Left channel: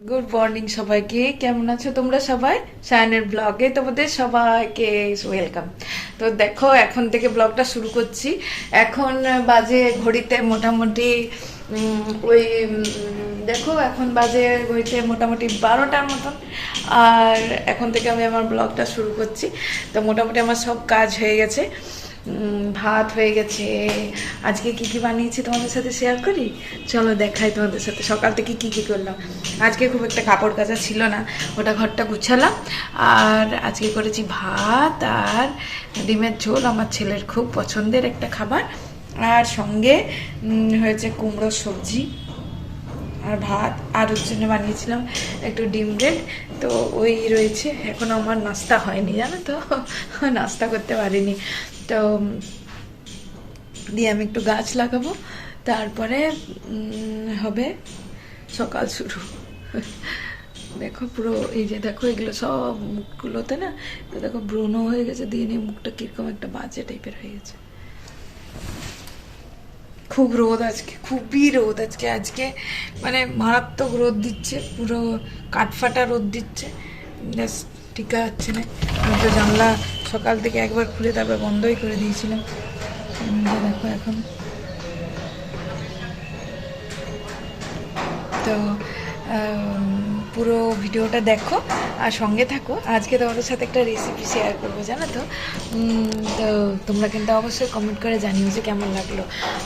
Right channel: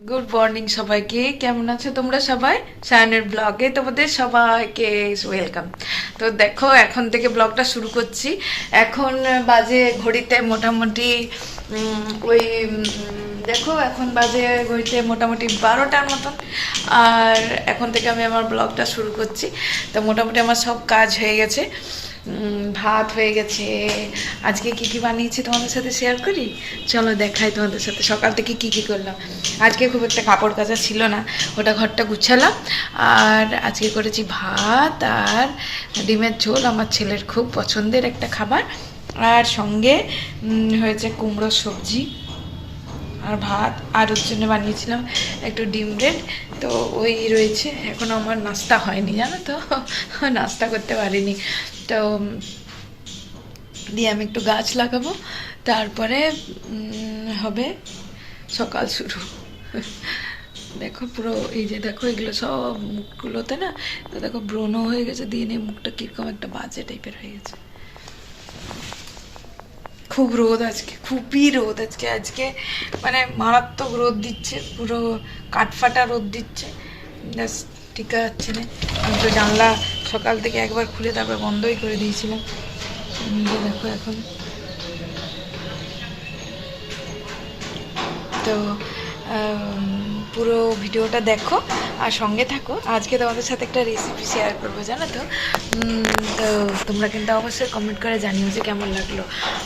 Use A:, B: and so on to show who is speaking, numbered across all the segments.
A: Good morning সবাইকে। কেমন আছো তোমরা সবাই? সায়নের ব্লগে তোমাদের সবাইকে ওয়েলকাম তো দেখো, এখন থেকে ব্লগটা শুরু করছি। এখন বাজে ঘড়িতে মোটামুটি ওই দেখো, এখন বাজে ঘড়িতে মোটামুটি বারোটার মতন। আর এখন থেকে আমি আমার ব্লগটা শুরু করছি। তো মোটামুটি আমার সব কাজ হয়ে গেছে। ভাত হয়ে গেছে। আজকে কি কি বানিয়েছি তোমাদের সাথে শেয়ার করি? চলো দেখাই তোমাদের সাথে। সকাল থেকে কি কি করলাম? আজকে খুব একটা কাপড় কাচা ছিল না। ওটা ঘরটা গুছালাম। আর আজকে করেছি ভাত আর ডিমের ঝোল, আমার ছেলের খুব পছন্দের একটা খাবার। আর সঙ্গে হয়েছে কুমড়োর সবজি আর ভাত। আর ওর জন্য বানিয়েছিলাম একটু ডিম ব্রেড। তো ওই রয়েছে। এখনও আমার নাস্তা হয়নি, জানো তো? নাস্তা করতে পারিনি। তো দিয়ে আমি একটু গাছ লাগাবো। তারপরে হবে সকাল শুরু। দেখো পুরো এই যে দেখো এগুলো সব মুখগুলোতে না, দেখো ব্রণ হয়ে গেছে, দিয়ে নিয়ে মুখটা কীরকম একটা বাজে টাইপের হয়ে গেছে। খুব রোদ আজকে, খুবই রোদ আজকে আজকে মানে মারাত্মক রোদ দিচ্ছে, পুরো কাঠফাটা রোদ দিচ্ছে, ব্যাস। টিকা হচ্ছে না। আমি তো জানলা সকাল থেকে একবার খুলে তারপর বন্ধই করে দিয়েছিলাম। দেখো এখন। তো পুরো ভিডিওটা দেখো আর সঙ্গে থাকো। আজকে তোমাদের সাথে একটা রেসিপি শেয়ার করব, জানো তো? তো তোমরা কিন্তু অবশ্যই কমেন্ট করে জানিও যে কেমন লাগল।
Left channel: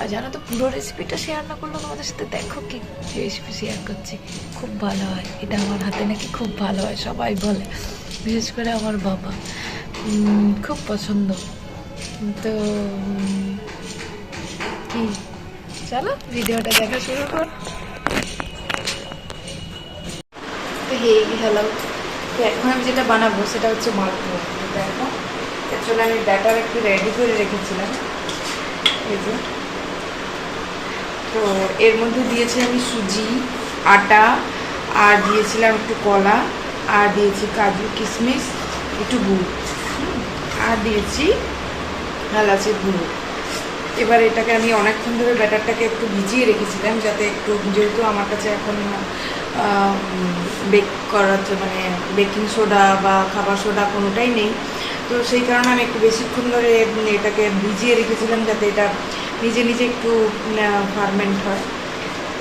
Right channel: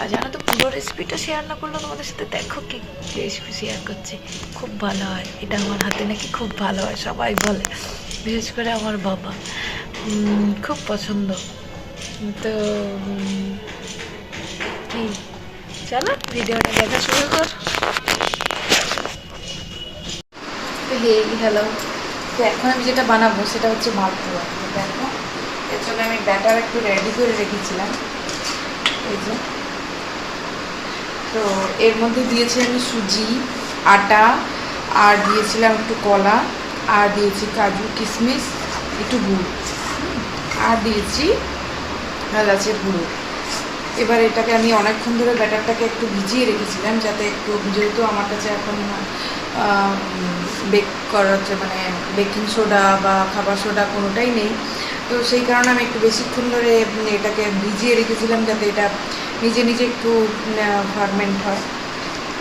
A: আর জানো তো, পুরো রেসিপিটা শেয়ার না করলেও তোমাদের সাথে দেখো কি রেসিপি শেয়ার করছি। খুব ভালো হয়। এটা আমার হাতে নাকি খুব ভালো হয়, সবাই বলে। বিশেষ করে আমার বাবা। খুব পছন্দ। তো চলো, ভিডিওটা দেখা শুরু কর। হে হ্যালো তো এখন আমি যেটা বানাবো সেটা হচ্ছে মালপোয়া দেখো, এর জন্য আমি ব্যাটার একটু রেডি করে রেখেছিলাম। এই যে। তো এর মধ্যে দিয়েছি আমি সুজি, আটা, আর দিয়েছিলাম একটু কলা, আর দিয়েছি কাজু, কিশমিশ, একটু গুড়। আর দিয়েছি এলাচের গুঁড়ো। এবার এটাকে আমি অনেকক্ষণ ধরে ব্যাটারটাকে একটু ভিজিয়ে রেখেছিলাম, যাতে একটু, যেহেতু আমার কাছে এখন বেক করার মানে বেকিং সোডা বা খাবার সোডা কোনোটাই নেই। তো সেই কারণে আমি একটু বেশিক্ষণ ধরে এটাকে ভিজিয়ে রেখেছিলাম যাতে এটা নিজে নিজে একটু ফার্মেন্ট হয়।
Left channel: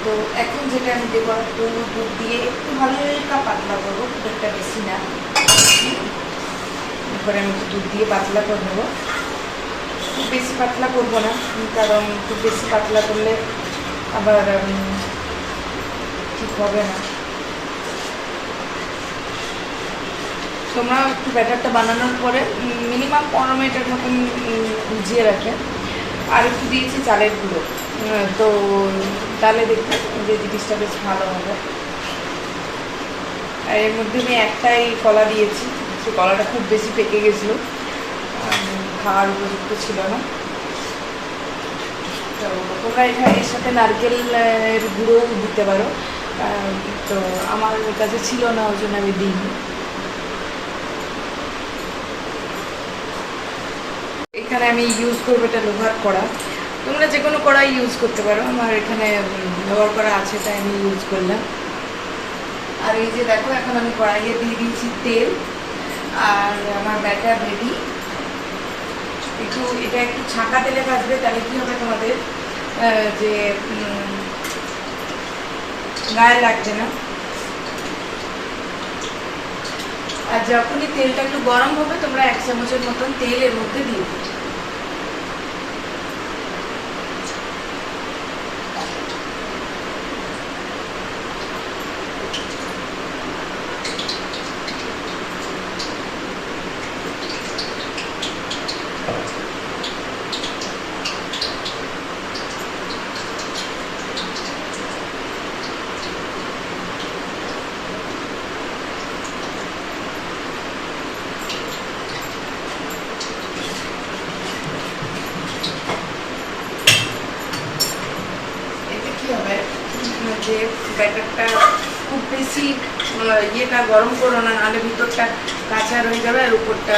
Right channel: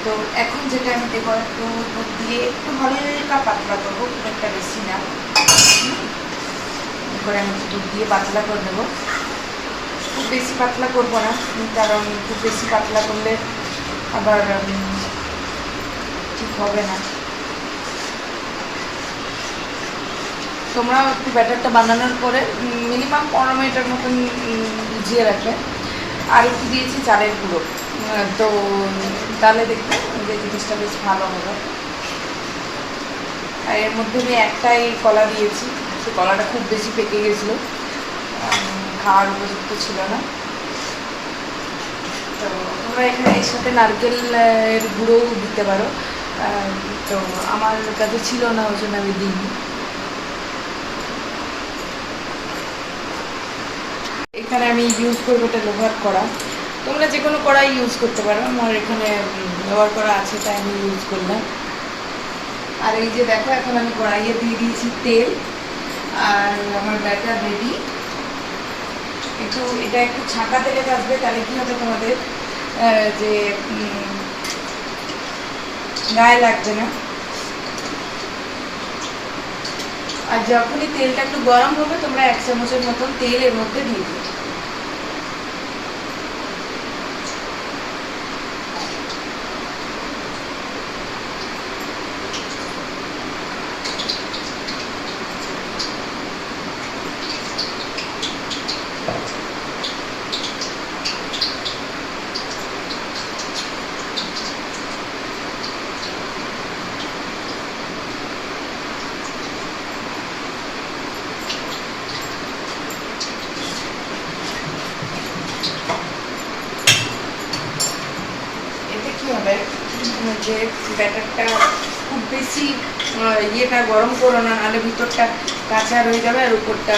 A: তো এখন যেটা আমি দেবো একটু দুধ দিয়ে, একটু হালকা পাতলা করব, খুব একটা বেশি না। এরপরে আমি একটু দুধ দিয়ে পাতলা করে নেব। খুব বেশি পাতলা করব না, কারণ খুব বেশি পাতলা করলে আবার ঠিক হবে না। তোমরা একটু ব্যাটারটা বানানোর পরে মিনিমাম পনেরো মিনিটের মতন ভিজিয়ে রাখে। আর একটু দিয়েছি চালের গুঁড়ো। তো তাহলে দেখবে যে জিনিসটা বেশ ভালো হবে। আর এর মধ্যে আমি একটাই কলা দিয়েছি। সে কলাটা খুব বেশি পেকে গেছিল। খাওয়ার উপযুক্ত ছিল না। তো তোমরা এখানে এর সাথে নারকেলের গুঁড়োও দিতে পারো। তো আমার কাছে ছিল না, ওই জন্য আমি দিইনি। এখানে আমি ইউজ করব এটা লোহার কড়া তোমরা যে কোনো কড়াই ইউজ করতে পারো, আমার এখানে লোহার কড়া আছে, তাই আমি ইউজ করলাম। আর এই যে দেখো, এখন আমি কড়াইয়ে দিয়ে দিয়েছি তেল, আর আমার ব্যাটার রেডি। একটু, এটা একটু ছাঁকা তেলে ভাজবে, তাহলে কি হবে তোমাদের? যে গায়ে লাগছে না। আর যখনই তেলটা একটু গরম হবে, তোমরা এক চামচের মতন তেল এর মধ্যে দিয়ে দিও এতে কি হবে উম, যে ব্যাটারটা খুব বেশি ইয়েটা গরম করো না, নাহলে ভিতরটা কাঁচা রয়ে যাবে আর উপরটা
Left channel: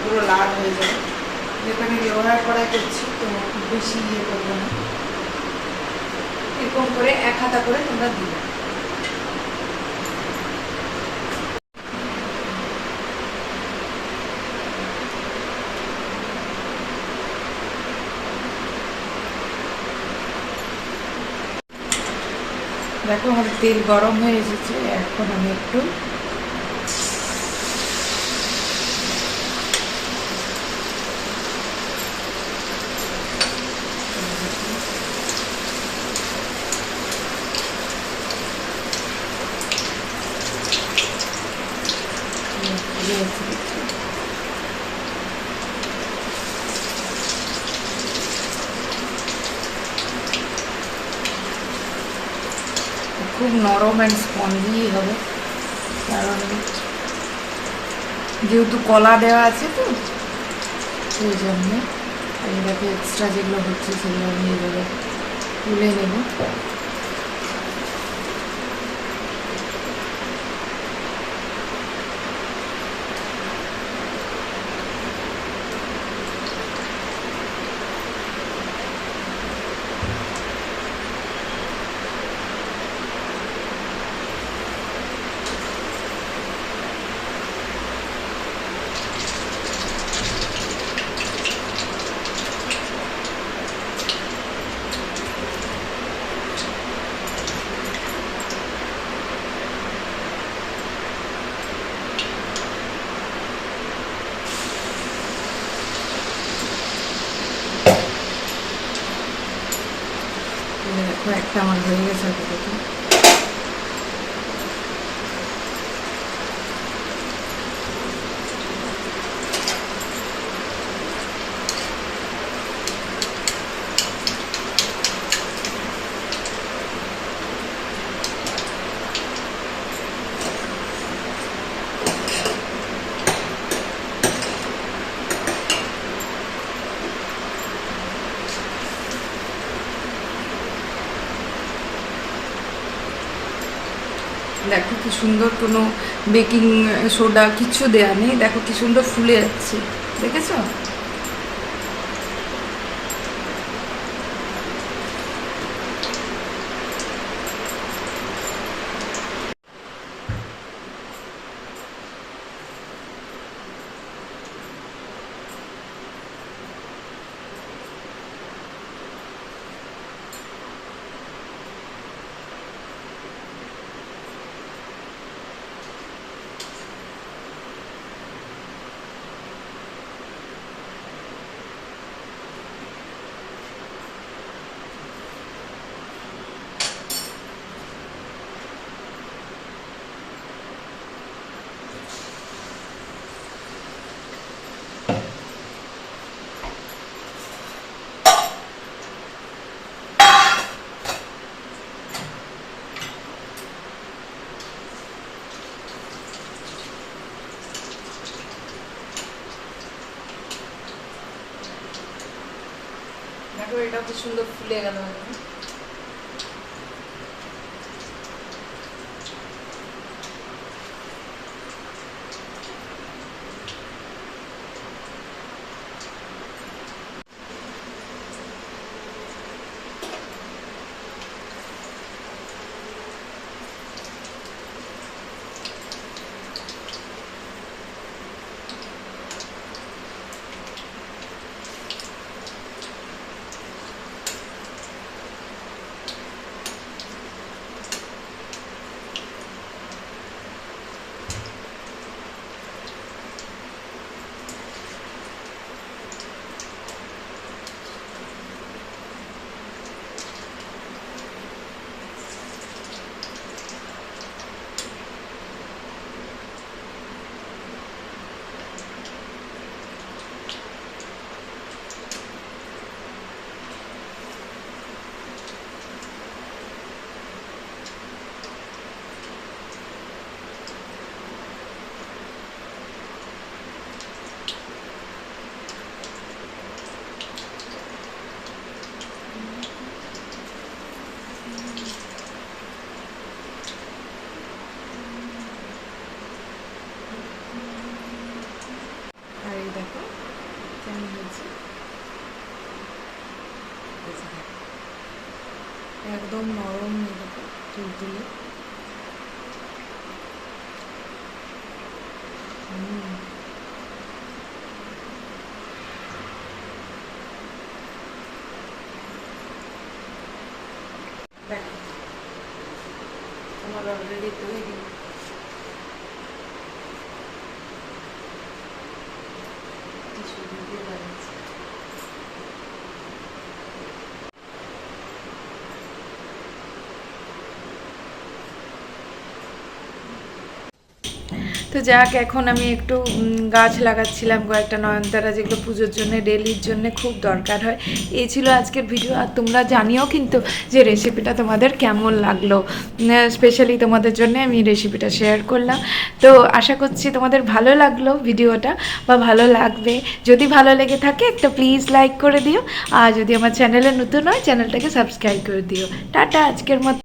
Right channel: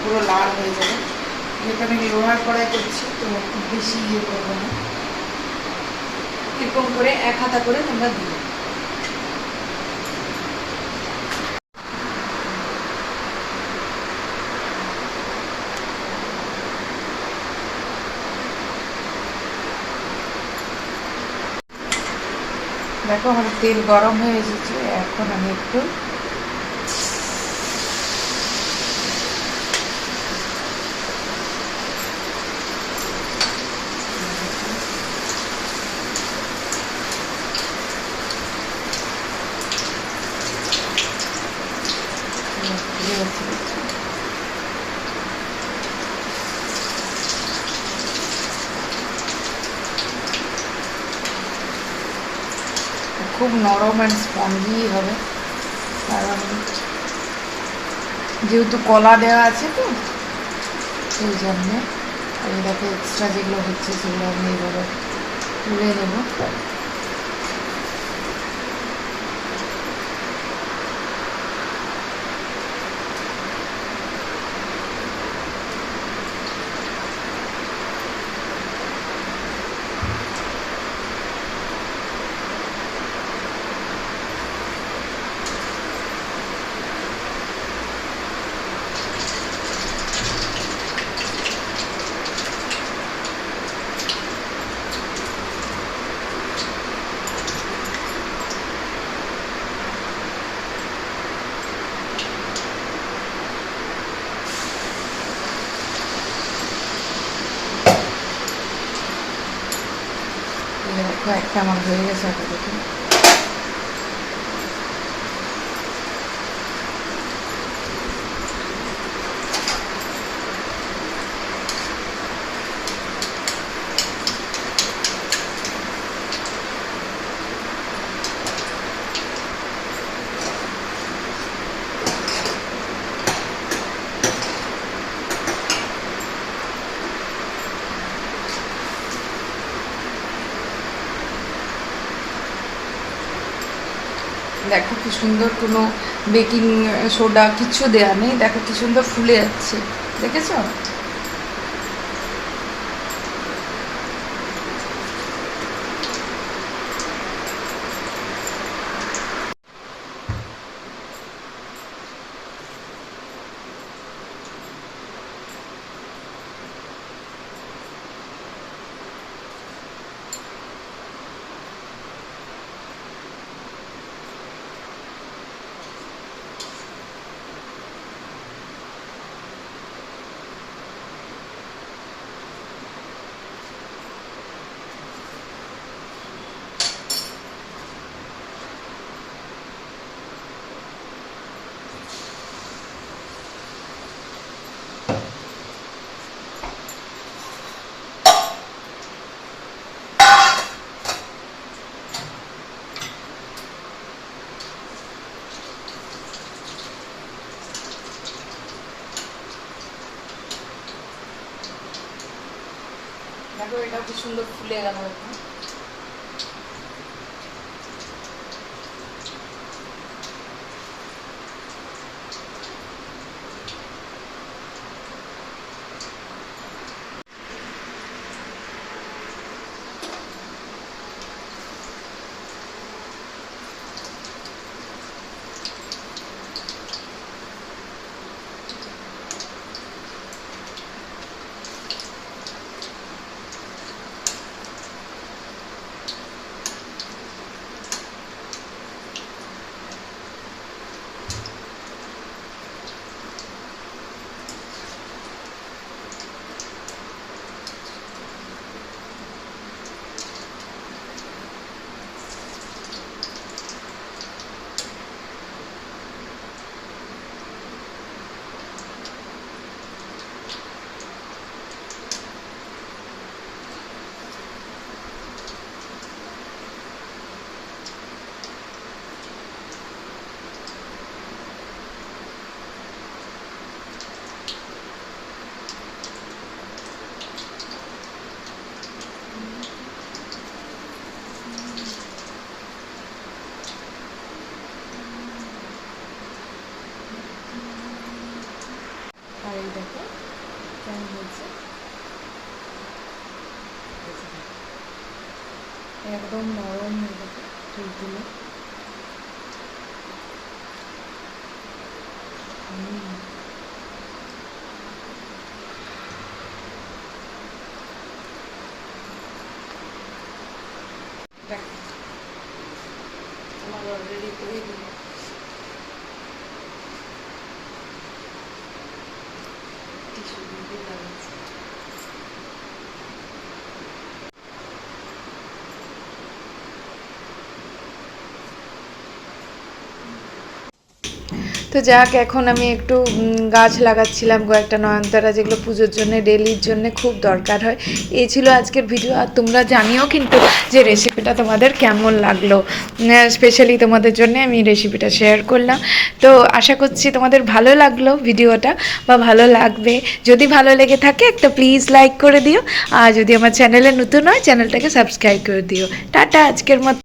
A: পুরো লাল হয়ে যাবে। যেটা আমি লোহার কড়াই করছি, তো খুব বেশি ইয়ে করব না। এরকম করে এক হাতা করে তোমরা দিবে দেখো আমার তেল গরম হয়ে এসেছে এখন আমি একটু খুব নরম অ্যান্ড স্পঞ্জি হবে। কারণ যেহেতু কলা দেওয়া আছে তো, সেই জন্যে দেখো এক্সট্রা যেগুলো হচ্ছে সেগুলো আমি এভাবে তুলে নেব। একটা আমার হয়ে গেছে আপাতত দেখো কি সুন্দর কোনো বেকিং সোডা কিছু দেয়া নেই। দেখো কি সুন্দর ফুলে যাচ্ছে। দেখেছ? দেখো এটা খুব সুন্দর ফুলে গেল এখন আর এই দেখো কেমন হয়েছে এই যে দেখো। একদম নরম এই দেখো তুলতুলে হুম। দেখো আমার অলরেডি তৈরি টিস্যু দিয়ে বানিয়েছি তো যাক, এখন আমি একটু গাছ লাগাচ্ছিলাম কয়েকটা নয়নতারা, যেগুলো পুজোর জন্য, ডেলির জন্য খুব দরকার হয়। এই ছিল আজকের ভিডিও, আর তোমরা জানিও কিন্তু যে রেসিপিটা তোমাদের কেমন লাগল। স্পেশালি তোমাদের জন্য আমি রেসিপিটা শেয়ার করলাম। তো আশা করছি তোমাদের ভালো লাগল ভিডিওটা, বা ভালো লাগবে। যদি ভালো লেগে থাকে, একটা প্লিজ লাইক করে দিও। আর যদি আমার চ্যানেলে নতুন হয় চ্যানেলটাকে সাবস্ক্রাইব করে দিও। টাটা, আজকের মতো।